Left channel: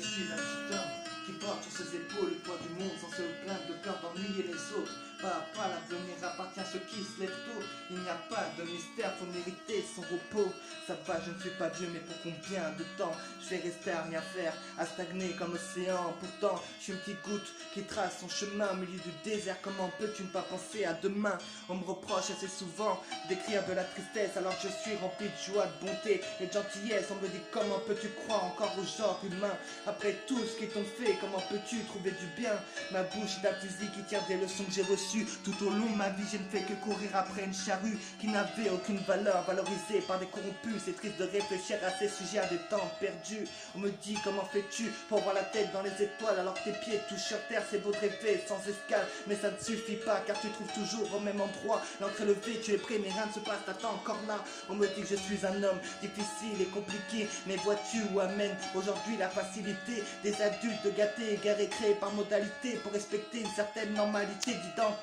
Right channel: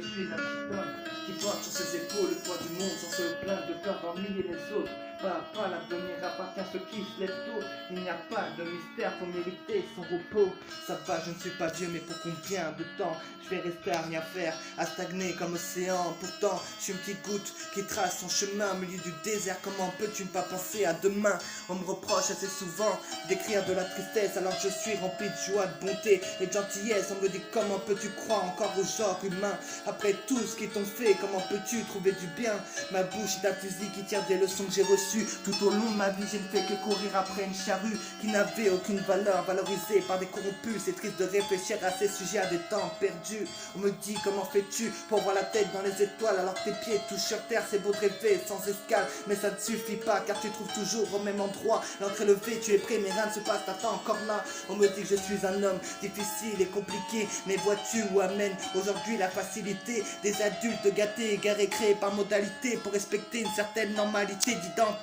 je suis un petit homme qui porte sur ses épaules le poids du monde sans se plaindre de peur d'ennuyer les autres. Pas à pas, l'avenir appartient à ceux qui se lèvent tôt. Il n'y a pas de mystère, faut mériter son repos. Ça va, je ne suis pas Dieu, mais pour combien de temps je vais rester à rien faire, à stagner comme l'océan. Pourtant, je suis une petite goutte qui trace son chemin au milieu du désert. Comment peux-tu ne pas penser à demain? On me reproche assez souvent d'écrire de la tristesse alors que je suis rempli de joie, de bonté et de gentillesse. On me dit comment peux-tu croire encore au genre humain après tout ce qu'ils t'ont fait? Comment peux-tu trouver du bien? Ma bouche est un fusil qui tire des leçons que j'ai reçues. Tout au long de ma vie, je ne fais que courir après une charrue qui n'avait aucune valeur, valorisée par des corrompus. C'est triste de réfléchir à ces sujets à des temps perdus. On me dit comment fais-tu pour voir la tête dans les étoiles alors que tes pieds touchent sur terre? C'est beau de rêver sans escale, mais ça ne suffit pas car tu trouves toujours au même endroit l'encre élevée. Tu es prêt mais rien ne se passe, t'attends encore là. On me dit que je suis un homme difficile et compliqué, mais vois-tu où amène aujourd'hui la facilité des adultes gâtés, égarés, créés par modalité pour respecter une certaine normalité d'identité.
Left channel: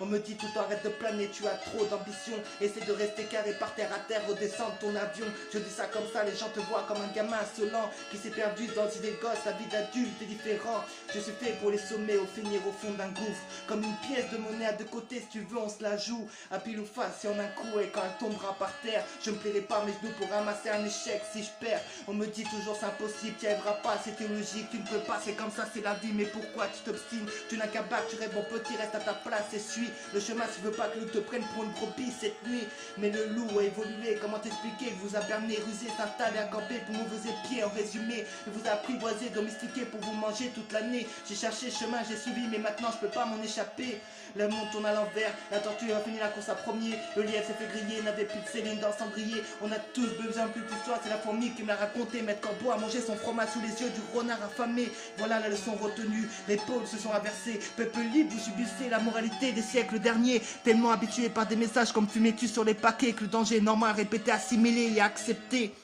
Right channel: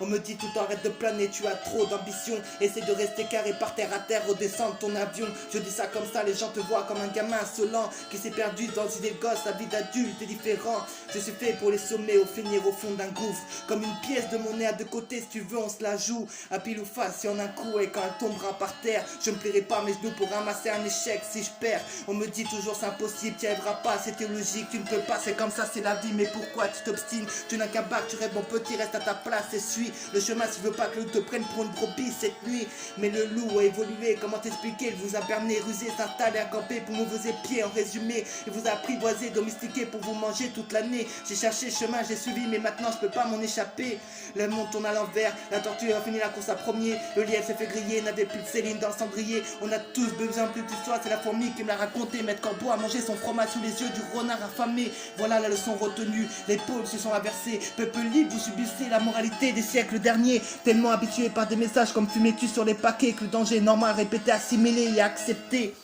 On me dit tout le temps arrête de planer, tu as trop d'ambition, essaie de rester carré par terre à terre au descendre ton avion. Je dis ça comme ça, les gens te voient comme un gamin insolent qui s'est perdu dans une idée de gosse. La vie d'adulte est différente, je suis fait pour les sommets au finir au fond d'un gouffre. Comme une pièce de monnaie à deux côtés, si tu veux on se la joue à pile ou face si on a un coup. Et quand elle tombera par terre, je me plierai pas mes genoux pour ramasser un échec si je perds. On me dit toujours c'est impossible, tu n'y arriveras pas, c'est théologique, tu ne peux pas, c'est comme ça, c'est la vie. Mais pourquoi tu t'obstines? Tu n'as qu'à battre, tu rêves mon petit, reste à ta place et suis le chemin si tu veux pas que le loup te prenne pour une brebis cette nuit. Mais le loup a évolué, comment t'expliquer? Il vous a berné, rusé, s'installer à camper pour mauvais pieds en résumé. Il vous a apprivoisé, domestiqué pour vous manger toute l'année. J'ai cherché le chemin, j'ai suivi, mais maintenant je peux pas m'en échapper. Le monde tourne à l'envers, la tortue a fini la course à premier. Le lièvre s'est fait griller, n'avait plus de Céline dans le cendrier. On a tous besoin plus que toi, c'est la fourmi qui me l'a raconté. Maître Corbeau a mangé son fromage sous les yeux du renard affamé. Voilà la leçon retenue, les pôles se sont inversés. Peuple libre, vous subissez la moralité des siècles derniers. Tellement habitué par des messages comme fumez-tu sur les paquets que le danger est normal, répété, assimilé et accepté.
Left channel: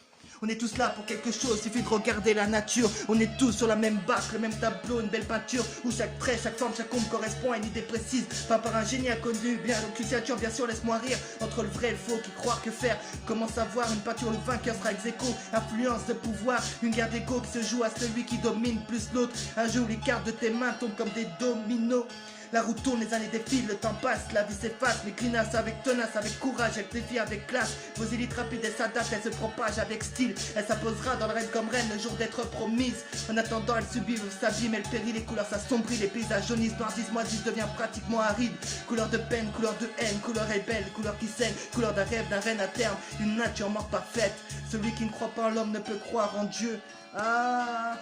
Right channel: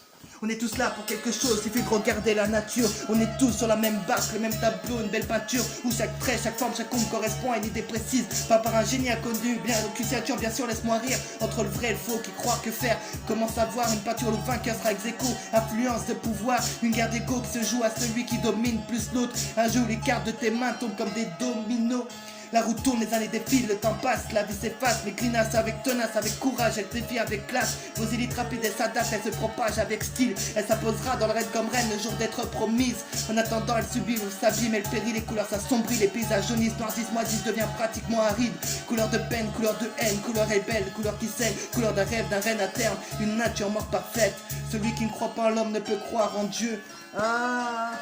On est tous là pour quelque chose, il suffit de regarder la nature. On est tous sur la même bâche, le même tableau, une belle peinture où chaque trait, chaque forme, chaque ombre correspond à une idée précise. Pas par un génie inconnu, bien une créature, bien sûr, laisse-moi rire. Entre le vrai et le faux, qui croire que faire? Comment savoir? Une peinture, le vainqueur sera ex aequo. Influence de pouvoir, une guerre d'ego qui se joue à celui qui domine plus l'autre. Un jeu où les cartes de tes mains tombent comme des dominos. La roue tourne, les années défilent, le temps passe, la vie s'efface. Les grinaces avec tenace, avec courage, elle défie avec classe. Vos élites rapides, elle s'adapte, elle se propage avec style. Elle s'imposera dans le rêve comme reine le jour d'être promise. En attendant, elle subit, vous s'abîme, elle périt, les couleurs s'assombrit, les paysages jaunissent, noircissent, moisissent, devient pratiquement aride. Couleur de peine, couleur de haine, couleur rebelle, couleur qui saigne, couleur d'un rêve, d'un règne à terme, une nature morte parfaite. Celui qui ne croit pas en l'homme ne peut croire en Dieu. Ah,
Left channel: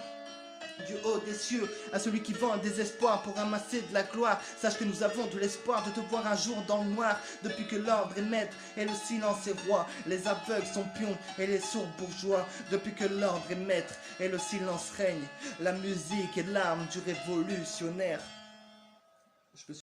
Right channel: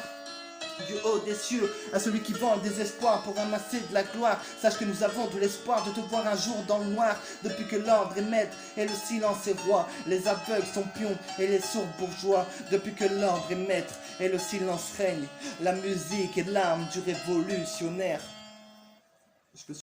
du haut des cieux, à celui qui vend le désespoir pour ramasser de la gloire. Sache que nous avons de l'espoir de te voir un jour dans le noir. Depuis que l'ordre est maître et le silence est roi, les aveugles sont pions et les sourds bourgeois. Depuis que l'ordre est maître et le silence règne, la musique est l'arme du révolutionnaire.